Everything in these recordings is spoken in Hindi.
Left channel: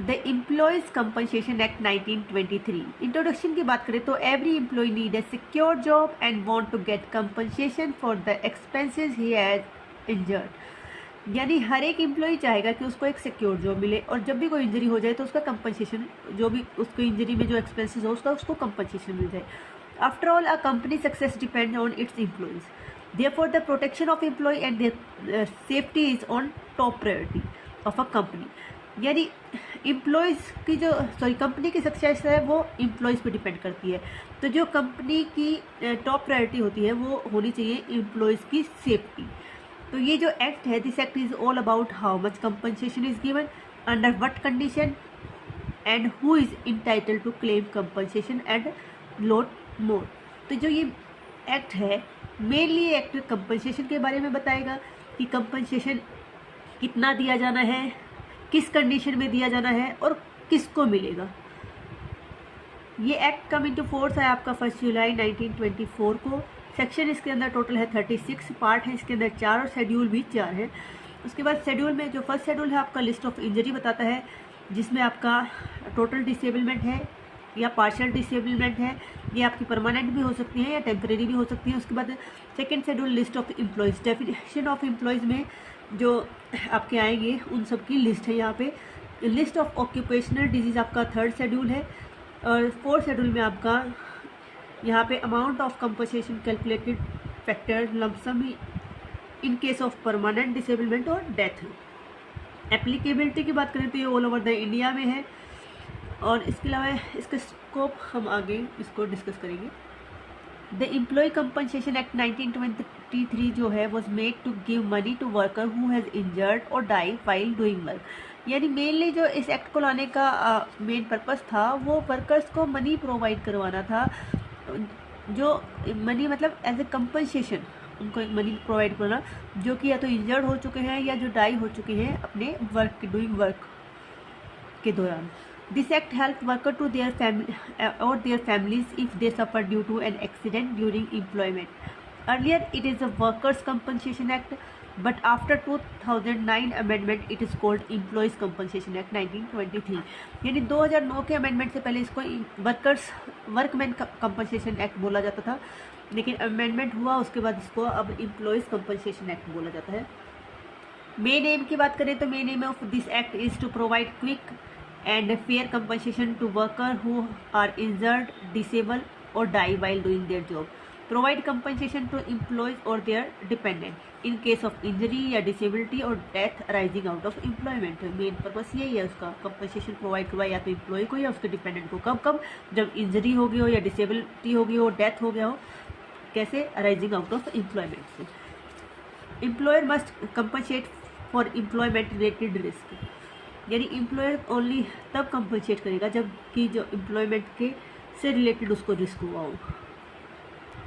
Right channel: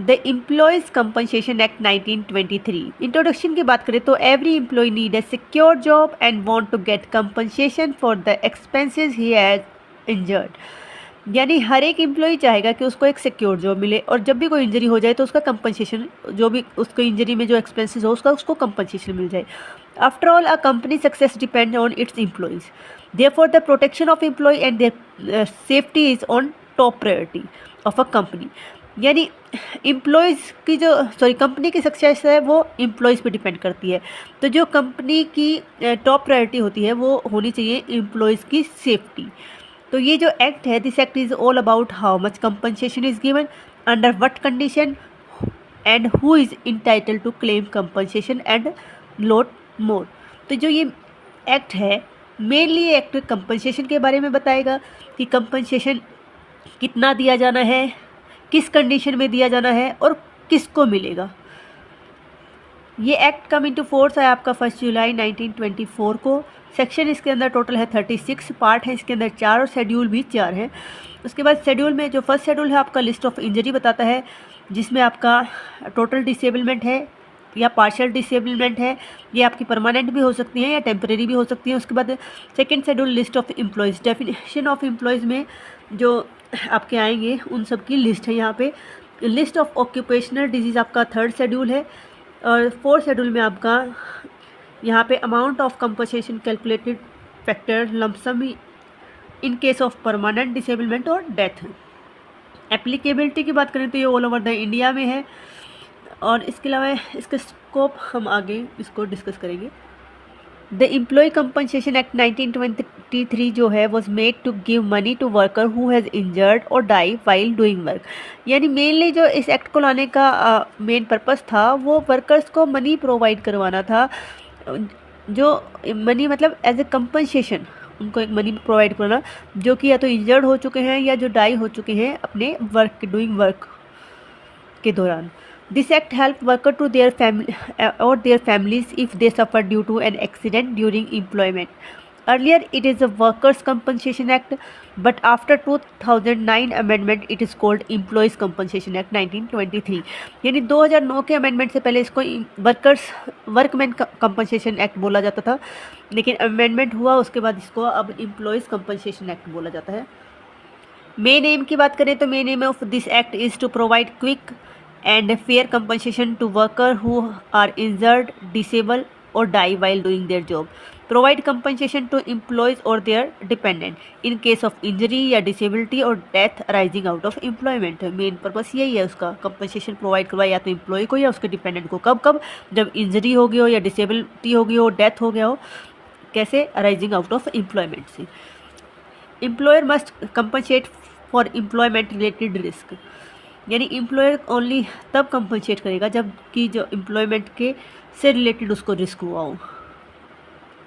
The employees compensation act 1923। Introduction की बात करें तो every employee need a secure job and want to get compensation for the expenses he has injured. यानी हर एक एम्प्लॉय चाहेगा कि उसको एक सिक्योर जॉब मिले और जब भी कोई इंजरी हो जाए तो उसका कंपनसेशन, जो भी उसको इंजरी में जो एक्सपेंसेस हो उसको कंपनसेशन मिल जाए। After all, a company success depend on its employees, therefore the protection of employee and their safety is on top priority of a company. यानी एम्प्लॉयज़ की जो कंपनी की सक्सेस है वो एम्प्लॉयज़ पे डिपेंड करती है। तो जो कंपनी की टॉप प्रायोरिटी होती है वो होनी चाहिए एम्प्लॉयज़ की सेफ्टी। तो ये जो एक्ट है, this act is all about how much compensation is given, under what condition and who is entitled to claim compensation and lot more. तो जो ये एक्ट है मेनली एक्ट कंपनसेशन के बारे में बताएगा कि कंपनसेशन कितना दिया जाना है, किस कंडीशन में दिया जाना है और किसको मिलेगा। ये एक्ट कम इनटू फोर्स है आपका 1 जुलाई 1924 को। सेक्शन इसके अंदर टोटल है 36, पार्ट है इसके अंदर 4 और शेड्यूल भी 4 है। उसके बाद शेड्यूल में जो फर्स्ट शेड्यूल है आपका लिस्ट ऑफ इंजरी बताता है, जिसमें आपका टोटल डिसेबलमेंट है या पार्शियल डिसेबलमेंट है, ये आपकी परमानेंट भी हो सकती है या टेम्परेरी भी हो सकती है। उसके बाद second schedule list of employees, definition of employees में जो आपके आएंगे उन सब की लिस्ट है यहाँ पे। लिस्ट ऑफ ऑक्यूपेशनल डिजीज़ आपका थर्ड शेड्यूल है और फोर्थ शेड्यूल में आपका यहाँ पे amount of compensation calculated factor lump sum in case of permanent disablement और डेथ। एप्लीकेबिलिटी की बात करें तो ये ऑल ओवर द इंडिया में है और इसके अलावा इसका स्कोप हम आगे इसको डिस्कस करेंगे। द एम्प्लॉय कंपनसेशन एक्ट 1923 जो है was made to give money to worker who has injured और डाई वाइल डूइंग वर्क। यानी मेनली जो इस एक्ट को लाने का मेन पर्पस था वो वर्कर्स को मनी प्रोवाइड करवाना था, जो मनी मतलब एज ए कंपनसेशन उनको एक मनी प्रोवाइड करना, जो कि या तो इंजर्ड हो चुके हैं या जो डाई हो चुके हैं अपने वर्क डूइंग वर्क के दौरान। This act help worker to their family और their families if they suffer due to an accident during employment. Earlier it is a workers compensation act but after 2009 amendment it is called employees compensation act 1923। यानी 2009 के अमेंडमेंट से पहले इसको वर्कमैन कंपनसेशन एक्ट बोला जाता था, लेकिन अमेंडमेंट हुआ उसके बाद इसको अब एम्प्लॉयज़ कंपनसेशन एक्ट बोला जाता है। मेन एम की बात करें तो main aim of this act is to provide quick and fair compensation to workers who are injured, disabled or die while doing their job. Provide compensation to employees or their dependent in case of injury या disability or death arising out of employment। Main purpose यही है उसका, कंपनसेशन प्रोवाइड करवाए या तो एम्प्लॉय को या उसके डिपेंडेंट को। कब कब? जब इंजरी हो गई हो या डिसेबिलिटी हो गई हो, डेथ हो गया हो। कैसे? अराइजिंग आउट ऑफ एम्प्लॉयमेंट से। Employer must compensate for employment related risk. यानी एम्प्लॉयर ओनली तब कंपनसेट करेगा जब कि जो एम्प्लॉयमेंट के से रिलेटेड उसको रिस्क हुआ हो।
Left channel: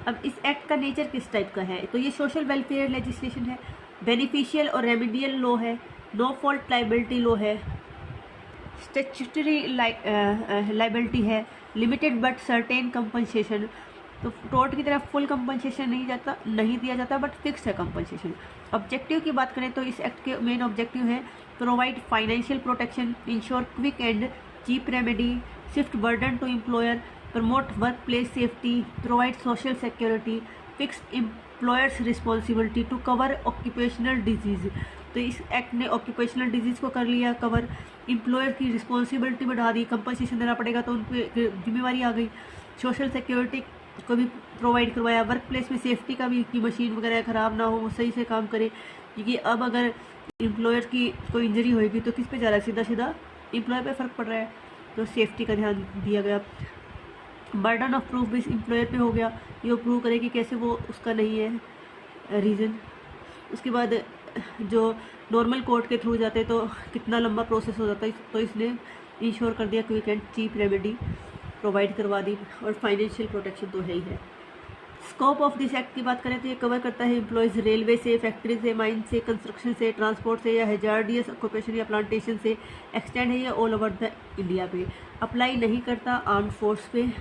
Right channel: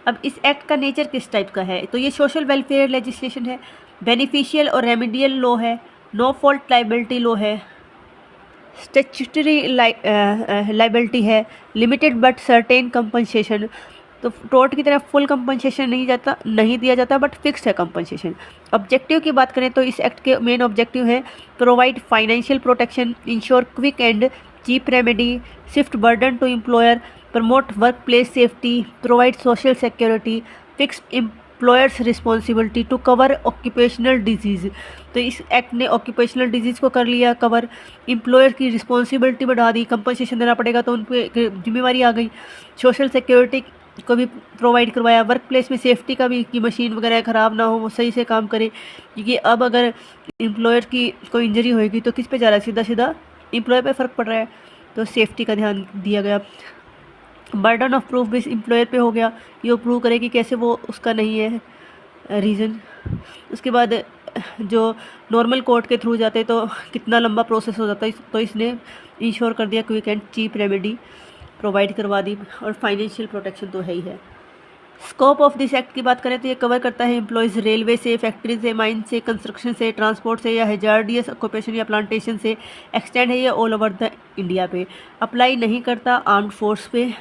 अब इस एक्ट का नेचर किस टाइप का है? तो ये सोशल वेलफेयर लेजिस्लेशन है, बेनिफिशियल और रेमेडियल लॉ है, नो फॉल्ट लाइबिलिटी लॉ है, स्टैट्यूटरी लाइबिलिटी है, लिमिटेड बट सर्टेन कंपनसेशन। तो टोर्ट की तरफ फुल कंपनसेशन नहीं दिया जाता बट फिक्स्ड है कंपनसेशन। ऑब्जेक्टिव की बात करें तो इस एक्ट के मेन ऑब्जेक्टिव हैं provide financial protection, ensure quick and cheap remedy, shift burden to employer, promote work place safety, provide social security, fix employers responsibility to cover occupational disease. तो इस एक्ट ने ऑक्यूपेशनल डिजीज़ को कर लिया कवर, एम्प्लॉयर की रिस्पॉन्सिबिलिटी बढ़ा दी, कंपनसेशन देना पड़ेगा तो उन पर जिम्मेवारी आ गई, सोशल सिक्योरिटी को भी प्रोवाइड करवाया, वर्क प्लेस में सेफ्टी का भी कि मशीन वगैरह ख़राब ना हो, वो सही से काम करे। क्योंकि अब अगर एम्प्लॉयर की कोई इंजरी होएगी तो किस पे जा रहा है? सीधा सीधा एम्प्लॉयर पे फ़र्क पड़ रहा है, तो सेफ्टी का ध्यान दिया गया। बर्डन ऑफ प्रूफ भी एम्प्लॉयर पे हो गया, ये प्रूव करे कि कैसे वो उसका नहीं है रीज़न। उसके बाद जो नॉर्मल कोर्ट के थ्रू जाते तो कितना लंबा प्रोसेस हो जाता है, तो इसने इंश्योर कर दिया quick and cheap remedy provide करवा दी, और फाइनेंशियल प्रोटेक्शन तो है ही है। स्कोप ऑफ दिस एक्ट की बात करें तो ये कवर करता है एम्प्लॉयज़ रेलवे से, फैक्ट्री से, माइन से, कंस्ट्रक्शन से, ट्रांसपोर्ट से या हैजार्डियस ऑक्यूपेशन या प्लांटेशन से। एक्सटेंड है ये ऑल ओवर द इंडिया पे। अप्लाई नहीं करता आर्म्ड फोर्स पे।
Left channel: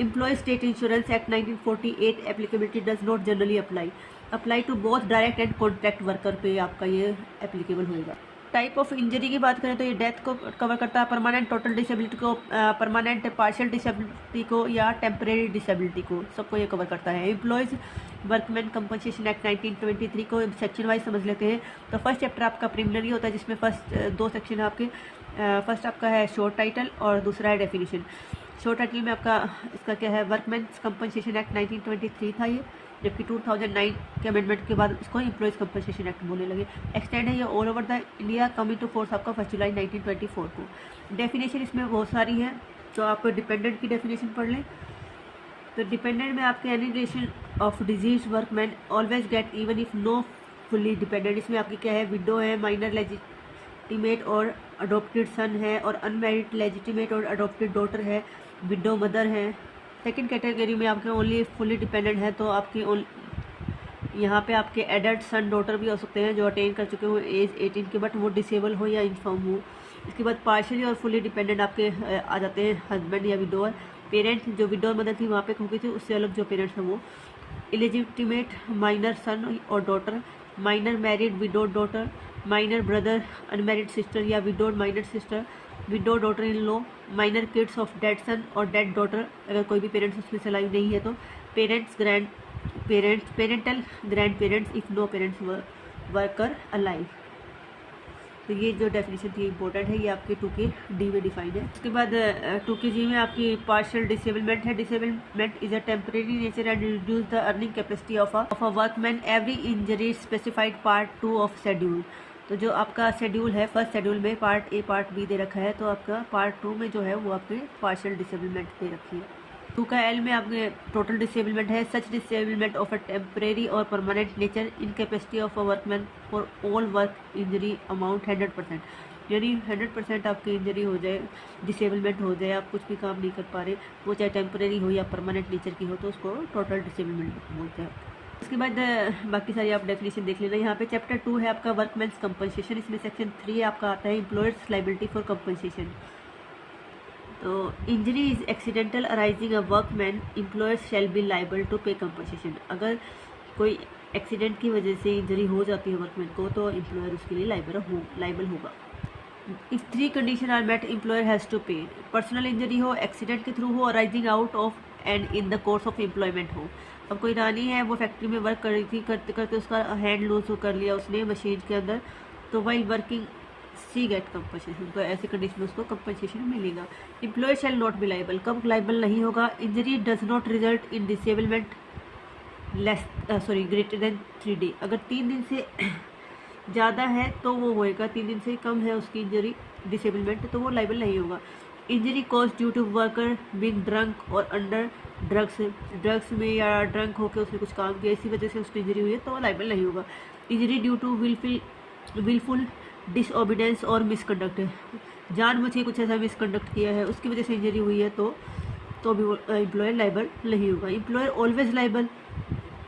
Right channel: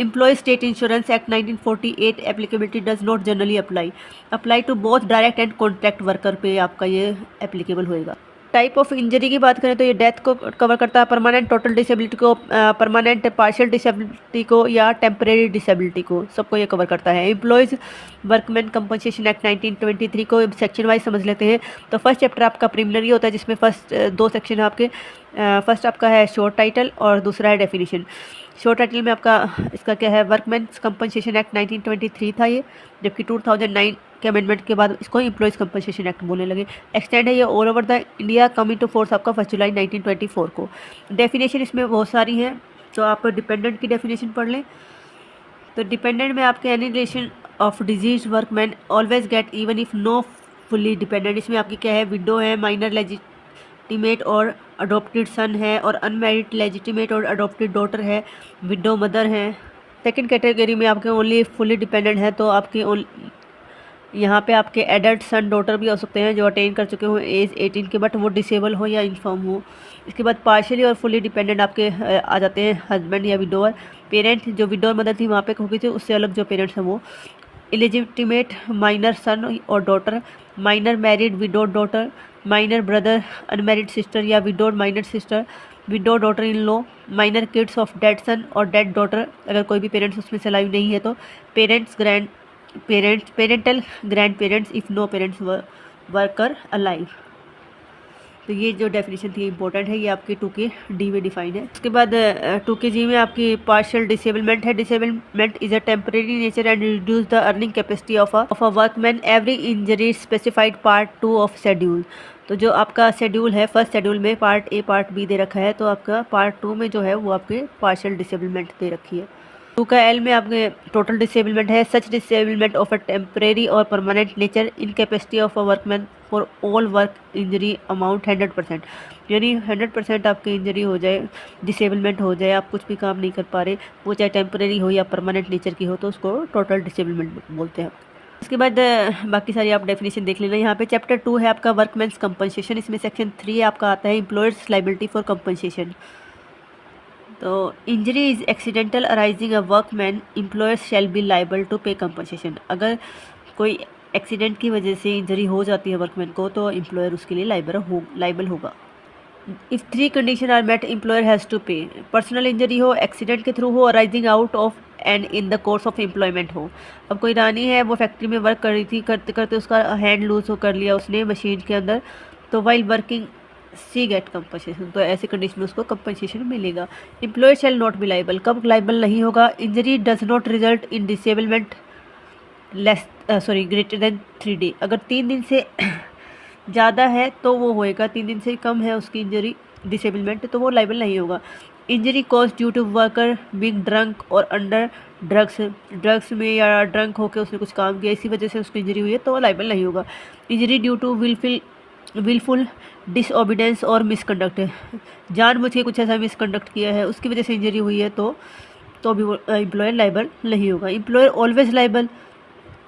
Employee state insurance act 1948 applicability does not generally apply to both direct and contract worker पे आपका ये एप्लीकेबल होएगा। टाइप ऑफ इंजरी की बात करें तो ये डेथ को कवर करता है, परमानेंट टोटल डिसेबिलिटी को, परमानेंट पार्शियल डिसेबिलिटी को या टेम्परेरी डिसेबिलिटी को, सबको ये कवर करता है। एम्प्लॉयज़ वर्कमैन कंपनसेशन एक्ट 1923 को सेक्शन वाइज समझ लेते हैं। तो फर्स्ट चैप्टर आपका प्रिलिमिनरी होता है, जिसमें फर्स्ट 2 सेक्शन है आपके। फर्स्ट आपका है शॉर्ट टाइटल और दूसरा है डेफिनेशन। शॉर्ट टाइटल में आपका इसका क्या है, वर्कमैन्स कंपनसेशन एक्ट 1923 था ये, जबकि 2009 के अमेंडमेंट के बाद इसको एम्प्लॉयज़ कंपनसेशन एक्ट बोलने लगे। एक्सटेंड है ये all over the India, coming to force आपका 1 जुलाई 1924 को। डेफिनेशन इसमें बहुत सारी हैं, तो आप डिपेंडेंट की डेफिनेशन पढ़ लें। तो डिपेंडेंट में आपके any relation of deceased workman always get even if no fully dependent. इसमें आपकी क्या है, विडो है, माइनर लेजिटिमेट और अडोप्टेड सन है, और अनमैरिड लेजिटिमेट और अडोप्टेड डॉटर है, विडो मदर है। सेकेंड कैटेगरी में आपके ओनली फुली डिपेंडेंट है, तो आपके यहाँ पे आपके एडल्ट सन डॉटर भी हो सकते हैं जो अटेन कर चुके हो एज 18 के, बट वो डिसेबल हो या इन्फॉर्म हो। इसके बाद पार्शियली और फुली डिपेंडेंट आपके आ जाते हैं हस्बैंड या विडोअर। पेरेंट जो विडोअर मदर थी वहाँ पे हो गई थी, उससे अलग जो पेरेंट्स हैं वो। इलिजिटिमेट माइनर सन और daughter, minor married widowed daughter, minor brother, unmarried sister या widowed minor sister, widow daughter in law, minor kids of dead son और डेड डॉटर, अगर कोई भी पेरेंट्स उसमें से लाइव नहीं है तो। Parental grand parents if no parents worker alive. तो ये जो डेफिनेशन थी इंपॉर्टेंट है, ये आपके 2K डी में डिफाइन है। उसके बाद 2K जी में आपकी पार्शियल डिसेबलमेंट है। Disablement is a temporary nature and reduce the earning capacity of a workman every injury specified part 2 of schedule. तो जो आपका शेड्यूल है, फर्स्ट शेड्यूल में पार्ट ए पार्ट बी दे रखा है, तो आपका पार्ट 2 में जो है वो आपके पार्शियल डिसेबलमेंट दे रखी है। 2 का एल में आपके टोटल डिसेबलमेंट है। सच डिसेबलमेंट ऑफ अ टेम्परेरी और permanent nature, incapacity of a workman for all work injury amount 100%, यानी 100% आपकी इंजरी हो जाए, डिसेबलमेंट हो जाए, आप कुछ भी काम नहीं कर पा रहे, वो चाहे टेम्परेरी हो या परमानेंट नेचर की हो, तो उसको टोटल डिसेबलमेंट बोलते हैं। उसके बाद बाकी सारी आप डेफिनेशन देख लेना। यहाँ पे चैप्टर 2 है आपका वर्कमैन्स कंपनसेशन, इसमें सेक्शन 3 आपका आता है एम्प्लॉयर्स लाइबिलिटी फॉर कंपनसेशन। तो injury is accidental arising a workman, employers shall be liable to pay compensation. अगर कोई एक्सीडेंट की वजह से इंजरी हो जाती है वर्कमैन को, तो एम्प्लॉयर उसके लिए लाइबल होगा। If 3 condition are met, employer has to pay. Personal injury हो, एक्सीडेंट के थ्रू हो, arising out of and in the course of employment हो। अब कोई रानी है, वो फैक्ट्री में वर्क कर रही थी, करते करते उसका हैंड लूज हो कर लिया उसने मशीन के अंदर, तो वाइल वर्किंग सी गेट कंपनसेशन, तो ऐसी कंडीशन में उसको कंपनसेशन मिलेगा। Employer shall not be liable, कब लाइबल नहीं होगा, injury does not result in disablement greater than 3 day. अगर 3 दिन से ज़्यादा है तो वो होएगा, 3 दिन से कम है उसकी इंजरी डिसेबलमेंट, तो वो लाइबल नहीं होगा। Injury cause due to worker being drunk और अंडर ड्रग्स में या ड्रंक होकर उसने कुछ काम किया, इसी वजह से उसको इंजरी हुई है, तो वो लाइबल नहीं होगा। Injury due to wilful disobedience और मिसकंडक्ट, जानबूझ के कुछ ऐसा मिसकंडक्ट किया है, उसकी वजह से इंजरी हुई है, तो भी वो एम्प्लॉयर लाइबल नहीं होगा। एम्प्लॉयर ऑलवेज लाइबल,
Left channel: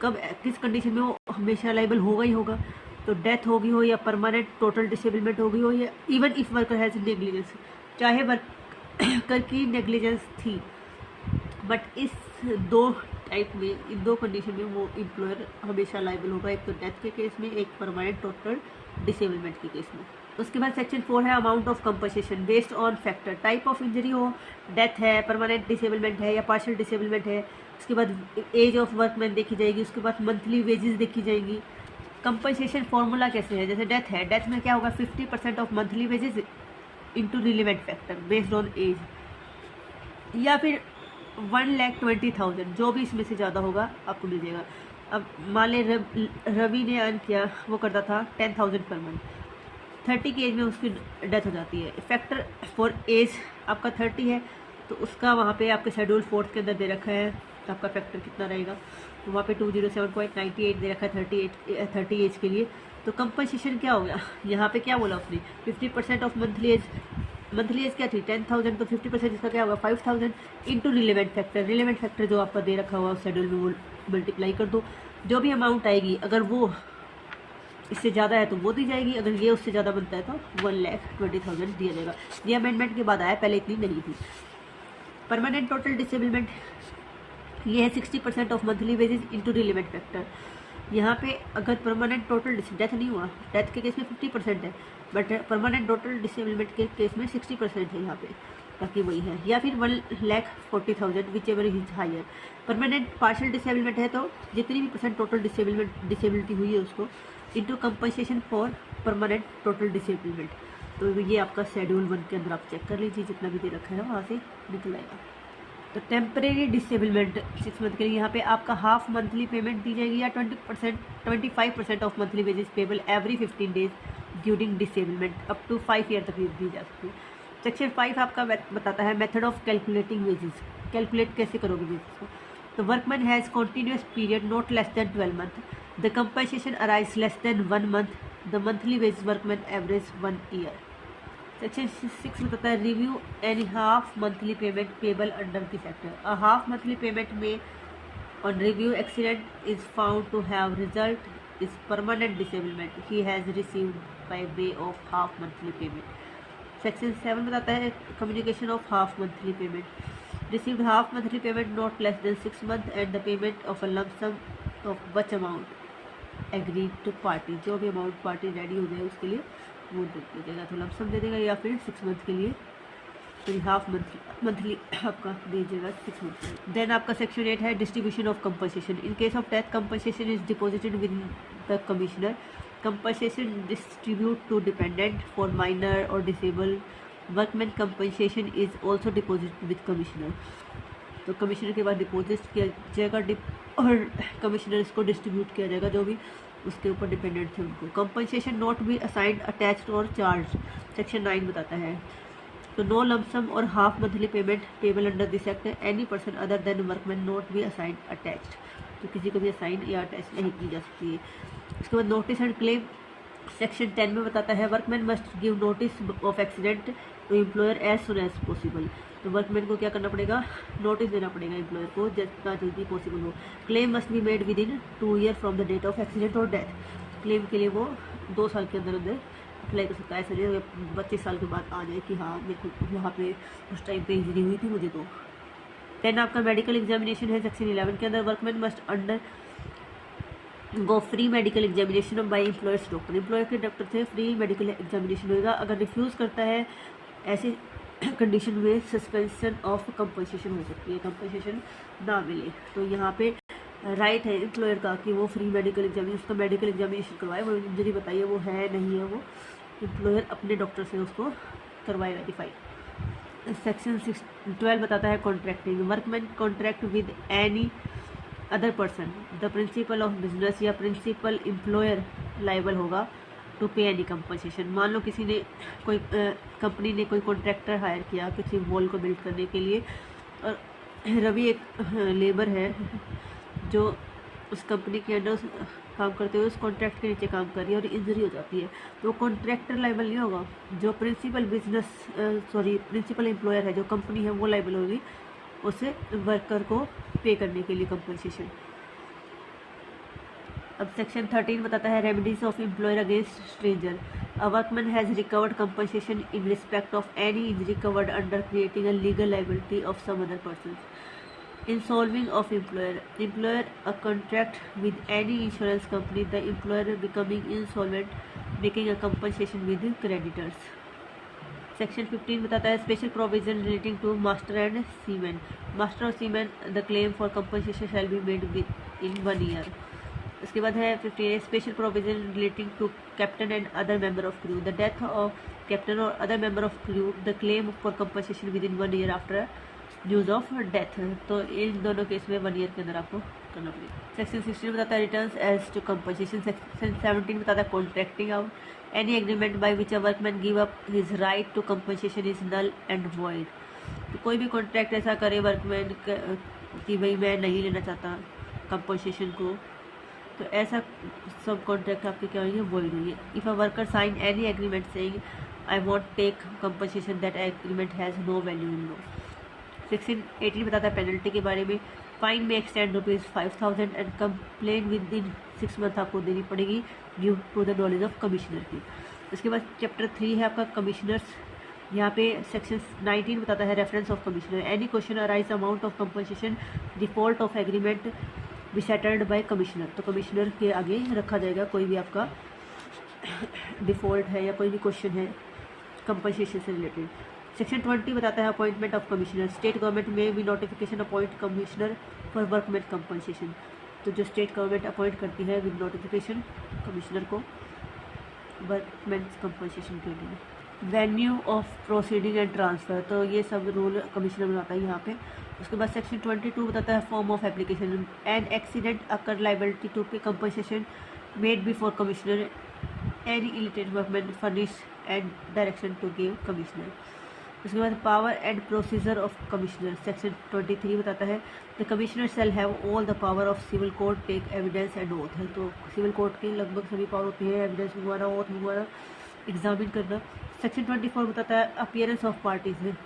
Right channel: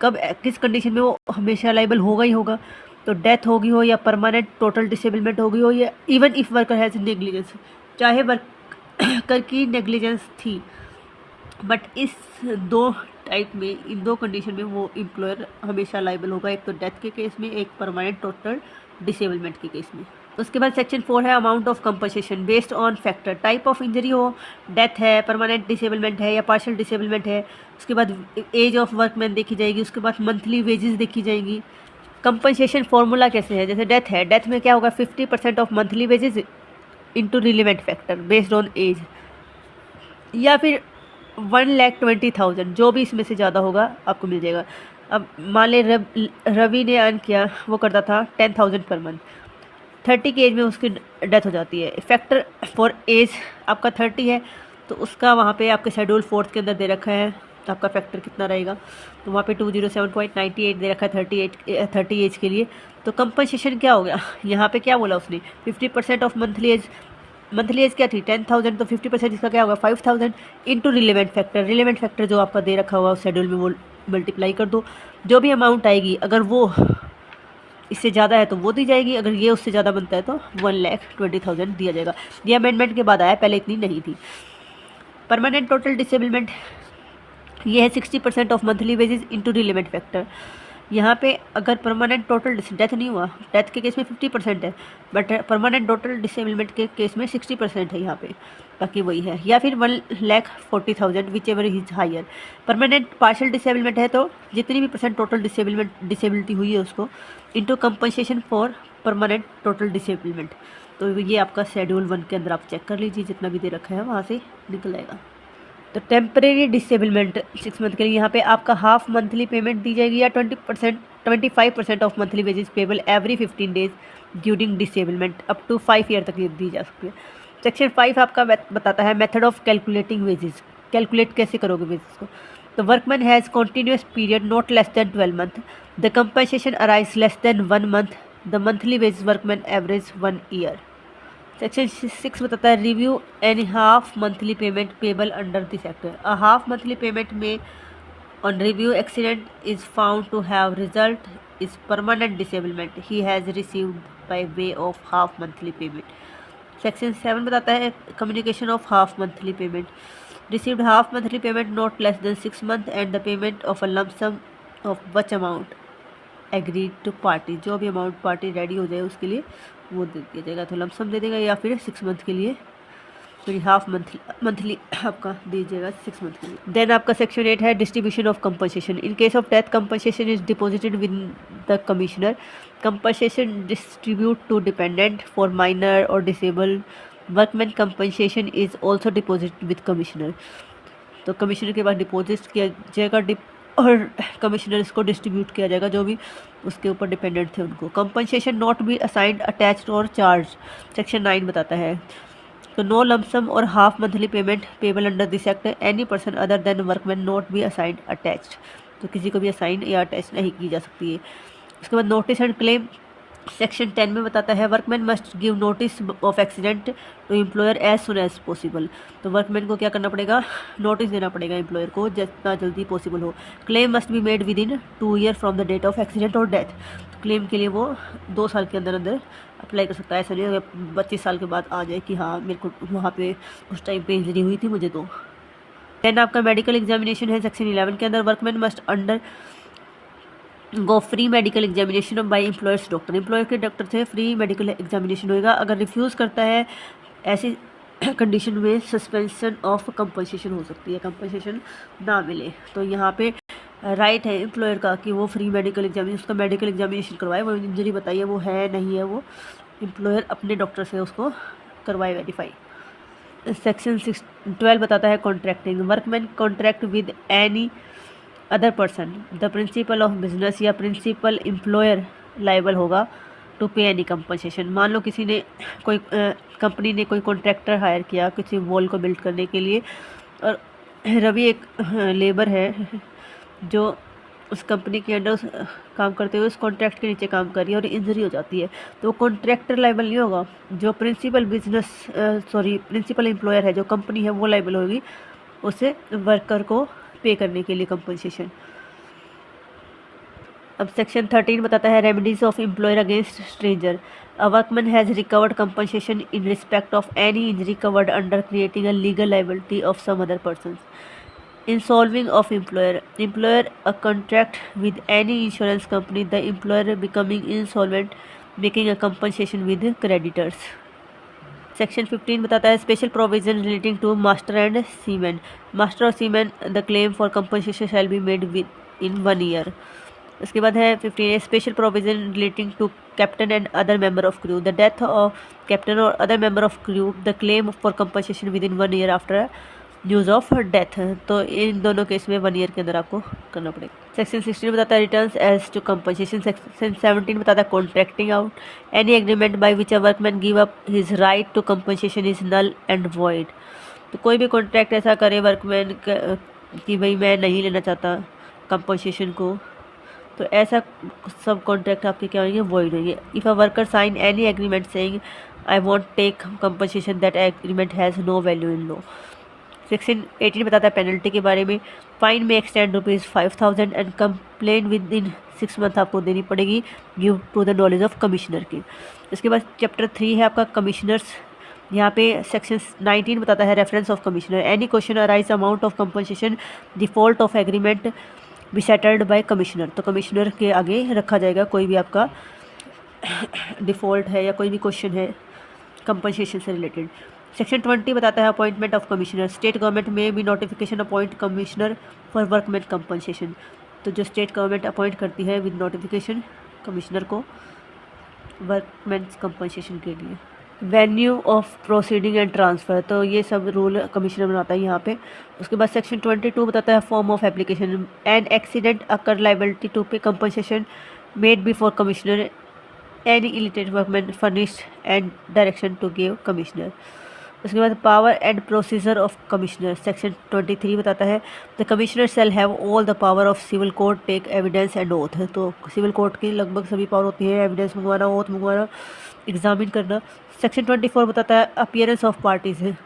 कब किस कंडीशन में वो हमेशा लाइबल होगा ही होगा, तो डेथ होगी हो या परमानेंट टोटल डिसेबलमेंट होगी हो, या even if worker has negligence, चाहे वर्कर की नेग्लिजेंस थी, बट इस 2 टाइप में, इन 2 कंडीशन में वो एम्प्लॉयर हमेशा लाइबल होगा, एक तो डेथ के केस में, एक परमानेंट टोटल डिसेबलमेंट के केस में। उसके बाद सेक्शन 4 है amount of compensation based on factor, type of injury हो, डेथ है, परमानेंट डिसेबलमेंट है या पार्शियल डिसेबलमेंट है। उसके बाद एज ऑफ वर्कमैन देखी जाएगी, उसके बाद मंथली वेजेस देखी जाएंगी। कंपनसेशन फार्मूला कैसे है, जैसे डेथ है, डेथ में क्या होगा, 50% of monthly wages into relevant factor based on age, या फिर 1,20,000, जो भी इसमें से ज़्यादा होगा आपको मिल जाएगा। अब मान ले रवि ने अर्न किया, वो करता था 10,000 पर मंथ, 30 की एज में उसकी डेथ हो जाती है। फैक्टर फॉर एज आपका 30 है, तो उसका वहाँ पे आपके शेड्यूल 4 के अंदर दे रखा है आपका फैक्टर कितना रहेगा, तो वहाँ पे 207.98 दे रखा है 30 एज के लिए। तो कंपनसेशन क्या हो गया, यहाँ पे क्या बोला उसने, 50% ऑफ मंथली एज क्या थी 10,000, तो 50% इसका क्या होगा 5,000 इंटू रिलेवेंट फैक्टर जो आपका दे रखा हुआ उस शेड्यूल में, वो मल्टीप्लाई कर दो, जो भी अमाउंट आएगी, अगर वो इससे ज़्यादा है तो वो दी जाएगी, अगर ये उससे ज़्यादा बनता है तो 1,20,000 दिया जाएगा। ये अमेंडमेंट के बाद आया, पहले इतनी नहीं थी। परमानेंट टोटल डिसेबलमेंट ये है 60% of monthly wages into relevant factor. यहाँ पे अगर परमानेंट टोटल डेथ नहीं हुआ, डेथ के केस में 50% है, बट परमानेंट टोटल डिसेबलमेंट के केस में 60% है यहाँ पे, बाकी वही है। या फिर 1,40,000 whichever is higher. Permanent partial disablement है तो जितनी भी परसेंट टोटल डिसेबिलिटी हुई है उसको into compensation for permanent total disablement. तो ये आपका शेड्यूल 1 के अंदर आप चेक कर लीजिए, जितना भी दे रखा है वहाँ से निकल आएगा। तो टेम्परेरी डिसेबलमेंट 6 मंथ के लिए यहाँ पे आपका हाफ मंथली पेमेंट दी जाएगी या 25% of monthly wages payable every 15 days during disablement up to 5 year तक दी जा सकती है। सेक्शन 5 आपका बताता है method of calculating wages, calculate कैसे करोगे वेजेस को। तो workman has continuous period not less than 12 month, the compensation arise less than 1 month, the monthly wage workman average 1 year. Section 6 बताता है review any half monthly payment payable under this act. A half monthly payment may on review accident is found to have result is permanent disablement he has received by way of half monthly payment. Section 7 बताता है communication of half monthly payment, received half monthly payment not less than 6 month and the payment of a lump sum of which amount agreed to party. जो भी अमाउंट पार्टी रेडी हो जाए उसके लिए वो दे दिया जाएगा, तो लंप सम दे देगा या फिर 6 मंथ के लिए, फिर हाफ मंथली आपका दीजिएगा 6 मंथ के लिए। देन आपका सेक्शन 8 है distribution of compensation. In case of death compensation is deposited with the commissioner, compensation distribute to dependent for minor or disabled workman compensation is also deposited with commissioner। तो कमिश्नर के बाद डिपॉजिट किया जाएगा और कमिश्नर इसको डिस्ट्रीब्यूट किया जाएगा जो भी उसके ऊपर डिपेंडेंट थे उनको। Compensation not be assigned attached और चार्ज सेक्शन 9 बताता है। तो नो लमसम और half monthly payment payable under this act any person other than workman not be assigned attached. तो किसी को भी असाइन या अटैच नहीं की जा सकती है। उसके बाद नोटिस एंड क्लेम सेक्शन 10 में बताता है workman must give notice of accident to employer as soon as possible. तो वर्कमैन को क्या करना पड़ेगा, नोटिस देना पड़ेगा एम्प्लॉयर को जितना जल्दी पॉसिबल हो। Claim must be made within 2 year from the date of accident और डेथ। क्लेम के लिए वो 2 साल के अंदर अंदर अप्लाई कर सकता है, ऐसा नहीं 25 साल के बाद आ जाए कि हाँ मेरे को वहाँ पे उस टाइम पे इंजरी हुई थी मुझे। तो देन आपका मेडिकल एग्जामिनेशन है सेक्शन 11 के अंदर workman must under go free medical examination by employers doctor. Employer के डॉक्टर से फ्री मेडिकल एग्जामिनेशन होगा। अगर रिफ्यूज़ करता है ऐसी कंडीशन में सस्पेंशन ऑफ कंपनसेशन हो सकती है, कंपनसेशन ना मिले। तो यहाँ पे राइट है एम्प्लॉयर का कि वो फ्री मेडिकल एग्जामिनेशन उसका मेडिकल एग्जामिनेशन करवाए, वो इंजरी बताइए वो है नहीं है, वो एम्प्लॉयर अपने डॉक्टर से उसको करवाए वेरीफाई। सेक्शन 12 बताता है contracting. Workman contract with any other person the principle of business या प्रिंसिपल एम्प्लॉयर लाइबल होगा टू पे एनी कंपनसेशन। मान लो किसी ने कोई कंपनी ने कोई कॉन्ट्रैक्टर हायर किया किसी वॉल को बिल्ड करने के लिए, और रवि एक लेबर है जो उस कंपनी के अंडर काम करते हुए उस कॉन्ट्रैक्ट के नीचे काम कर रही है और इंजरी हो जाती है, तो कॉन्ट्रैक्टर लाइबल नहीं होगा। जो प्रिंसिपल एम्प्लॉयर है जो कंपनी है वो लाइबल होगी उसे वर्कर को पे करने के लिए कंपनसेशन। अब सेक्शन 13 बताता है remedies of employer against stranger. A workman has recovered compensation in respect of any injury covered under creating a legal liability of some other person. Insolving of employer a contract with any insurance company, the employer becoming insolvent, making a compensation with creditors। Section 15 बताता है special provision relating to master and seaman. Master और seaman the claim for compensation shall be made within 1 year. उसके बाद है 15 special provision relating to captain and other member of crew. The death of captain और other member of crew the claim for compensation within 1 year after news of death. तो इन दोनों केस में 1 ईयर के अंदर आपको करना पड़ेगा। सेक्शन 16 बताता है returns as to compensation. Section 17 बताता है contracting out. Any agreement by which a workman give up his right to compensation is null and void. तो कोई भी कॉन्ट्रैक्ट ऐसा करे वर्कमैन कि भाई मैं नहीं लेना चाहता कंपनसेशन को, तो ऐसा सब कॉन्ट्रैक्ट आपके क्या होंगे, वॉइड होंगे। If a worker sign any agreement saying I won't take compensation that agreement has no value in law. Section 18 बताता है पेनल्टी के बारे में। फाइन में extend ₹5,000 and complain within 6 month आपको देनी पड़ेगी due to the knowledge of commissioner की। इसके बाद चैप्टर 3 है आपका कमिश्नर्स। यहाँ पे सेक्शन 19 बताता है reference of commissioner. Any question arise amount of compensation default of agreement be settled by commissioner, तो कमिश्नर के आगे रखा जाएगा कोई भी आपका डिफ़ॉल्ट है या कोई भी क्वेश्चन है कंपनसेशन से रिलेटेड। सेक्शन 20 बताता है appointment of commissioner. State government में भी notification appoint commissioner for workman compensation, तो जो स्टेट गवर्नमेंट अपॉइंट करती है विद नोटिफिकेशन कमिश्नर को वर्कमैन कंपनसेशन के लिए। Venue of proceeding and transfer, तो ये सब रूल कमिश्नर बनाता है यहाँ पे। उसके बाद सेक्शन 22 बताता है form of application. An accident occur liability to pay compensation made before commissioner any illiterate workman furnished and direction to give commissioner. उसके बाद power and procedure of commissioner. Section 23 बताता है the commissioner shall have all the power of civil court take evidence and oath, तो सिविल कोर्ट की लगभग सभी पावर होती है, एविडेंस मंगवाना, ओथ मंगवाना, एग्जामिन करना। सेक्शन 24 बताता है अपीयरेंस ऑफ पार्टीज है।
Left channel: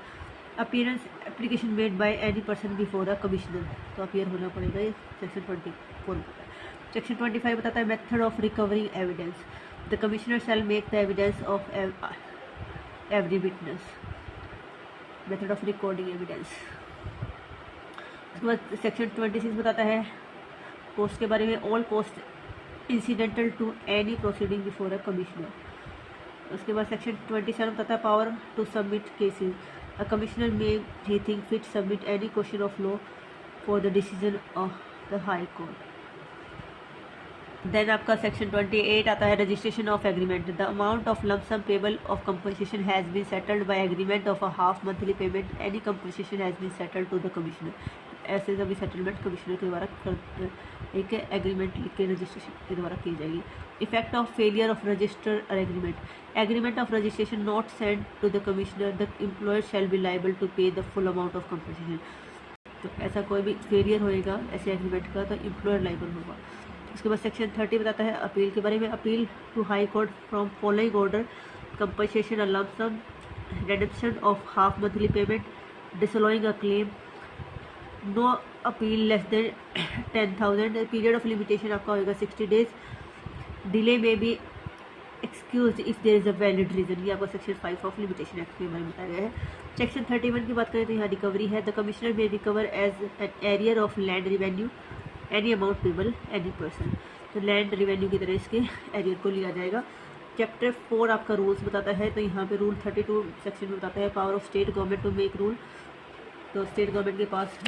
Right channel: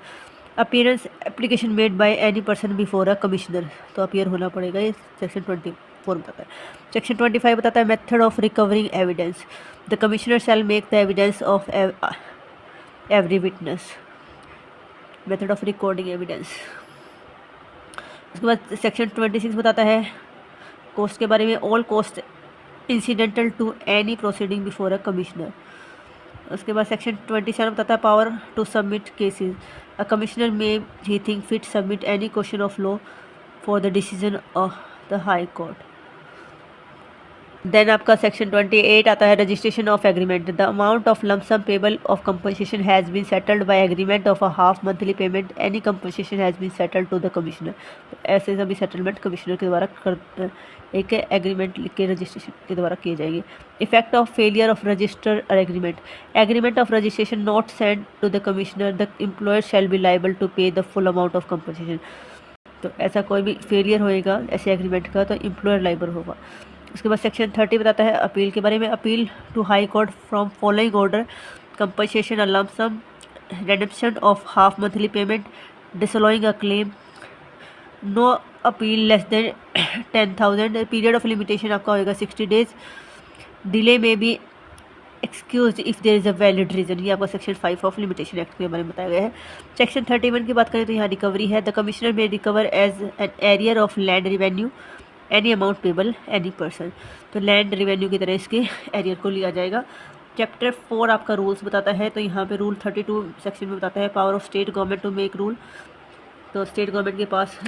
Appearance application made by any person before a commissioner, तो अपीयर होना पड़ेगा, ये सेक्शन 24 बताता है। सेक्शन 25 बताता है method of recovering evidence. The commissioner shell make the evidence of every witness. Method of recording evidence. उसके बाद सेक्शन 26 बताता है कोस्ट के बारे में। All cost incidental to any proceeding before a commissioner. उसके बाद सेक्शन 27 बताता है power to submit cases. A commissioner may he think fit submit any question of law for the decision of the high court. Then आपका सेक्शन 28 आता है registration of agreement. The amount of lump sum payable of compensation has been settled by agreement of a half monthly payment any compensation has been settled to the commissioner. ऐसे सभी सेटलमेंट कमिश्नर के द्वारा एक एग्रीमेंट लिख के रजिस्ट्रेशन के द्वारा किए जाएंगे। Effect of failure of register agreement. Agreement of registration not send to the commissioner the employer shall be liable to pay the full amount of compensation. तो ऐसा कोई भी फेलियर होएगा ऐसे एग्रीमेंट का तो एम्प्लॉयर लाइबल होगा। उसके बाद सेक्शन 30 बताता है अपील के बारे में। Appeal to high court from following order compensation a lump sum, redemption of half monthly payment, disallowing a claim, no appeal less than 10,000। Period of limitation आपका होगा 60 डेज। डिले में भी excuse if there is a valid reason, ये आपका सेक्शन 5 ऑफ लिमिटेशन एक्ट के बारे में बताया गया है। सेक्शन 31 की बात करें तो यहाँ रिकवरी है। द कमिश्नर में recover as an arrear of land revenue any amount payable any person, तो लैंड रिवेन्यू की तरह इसके एरियर को लिया जाएगा। चैप्टर 4 आपका रूल्स बताता है, तो यहाँ पे रूल 32 सेक्शन में बताता है power of state government to make rule, तो स्टेट गवर्नमेंट के पास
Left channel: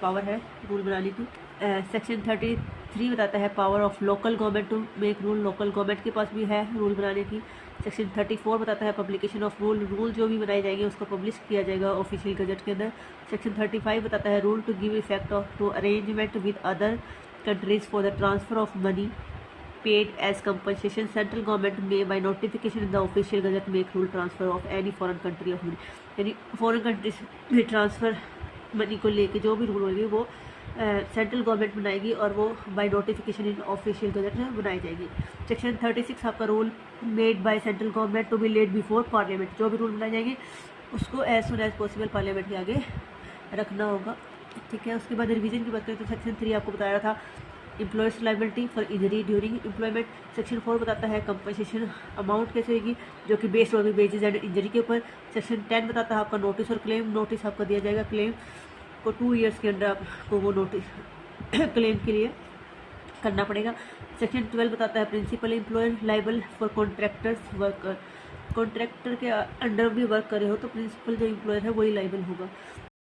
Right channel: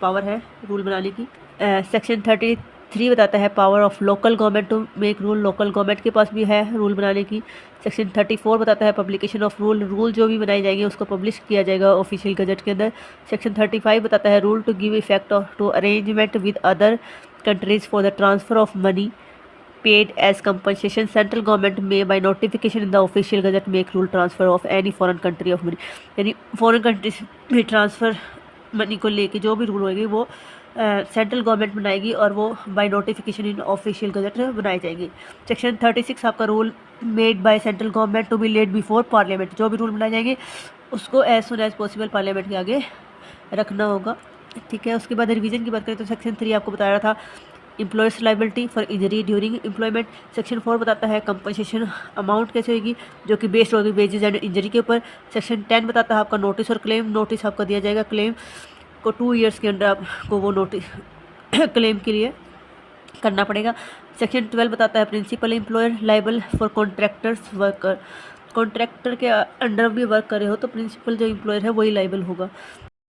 पावर है रूल बनाने की। सेक्शन 33 बताता है power of local government to make rule, local government के पास भी है रूल बनाने की। सेक्शन 34 बताता है पब्लिकेशन ऑफ रूल, रूल जो भी बनाए जाएंगे उसको पब्लिश किया जाएगा ऑफिशियल गजट के अंदर। सेक्शन 35 बताता है rule to give effect of to arrangement with other countries for the transfer of money paid as compensation. Central government में by notification in the official gazette make rule transfer of any foreign country of money, यानी फॉरेन कंट्रीज में ट्रांसफ़र मनी को लेके जो भी रूल होएगी वो सेंट्रल गवर्नमेंट बनाएगी और वो by notification in official gazette बनाई जाएगी। सेक्शन 36 आपका rule made by central government to be laid before parliament, जो भी रूल बनाए जाएंगे उसको as soon as possible parliament के आगे रखना होगा, ठीक है। उसके बाद रिवीजन की बात करें तो सेक्शन 3 आपको बताया था employers liability for injury during employment. Section 4 बताता है कंपनसेशन अमाउंट कैसे होगी जो कि बेस्ड होगी वेजेज एंड इंजरी के ऊपर। सेक्शन 10 बताता है आपका नोटिस और क्लेम, नोटिस आपका दिया जाएगा क्लेम को 2 ईयर्स के अंदर आपको वो नोटिस क्लेम के लिए करना पड़ेगा। सेक्शन 12 बताता है principal employer liable for contractors worker, contractor के अंडर भी वर्क करे हो तो प्रिंसिपल जो एम्प्लॉयर है वही लाइबल होगा।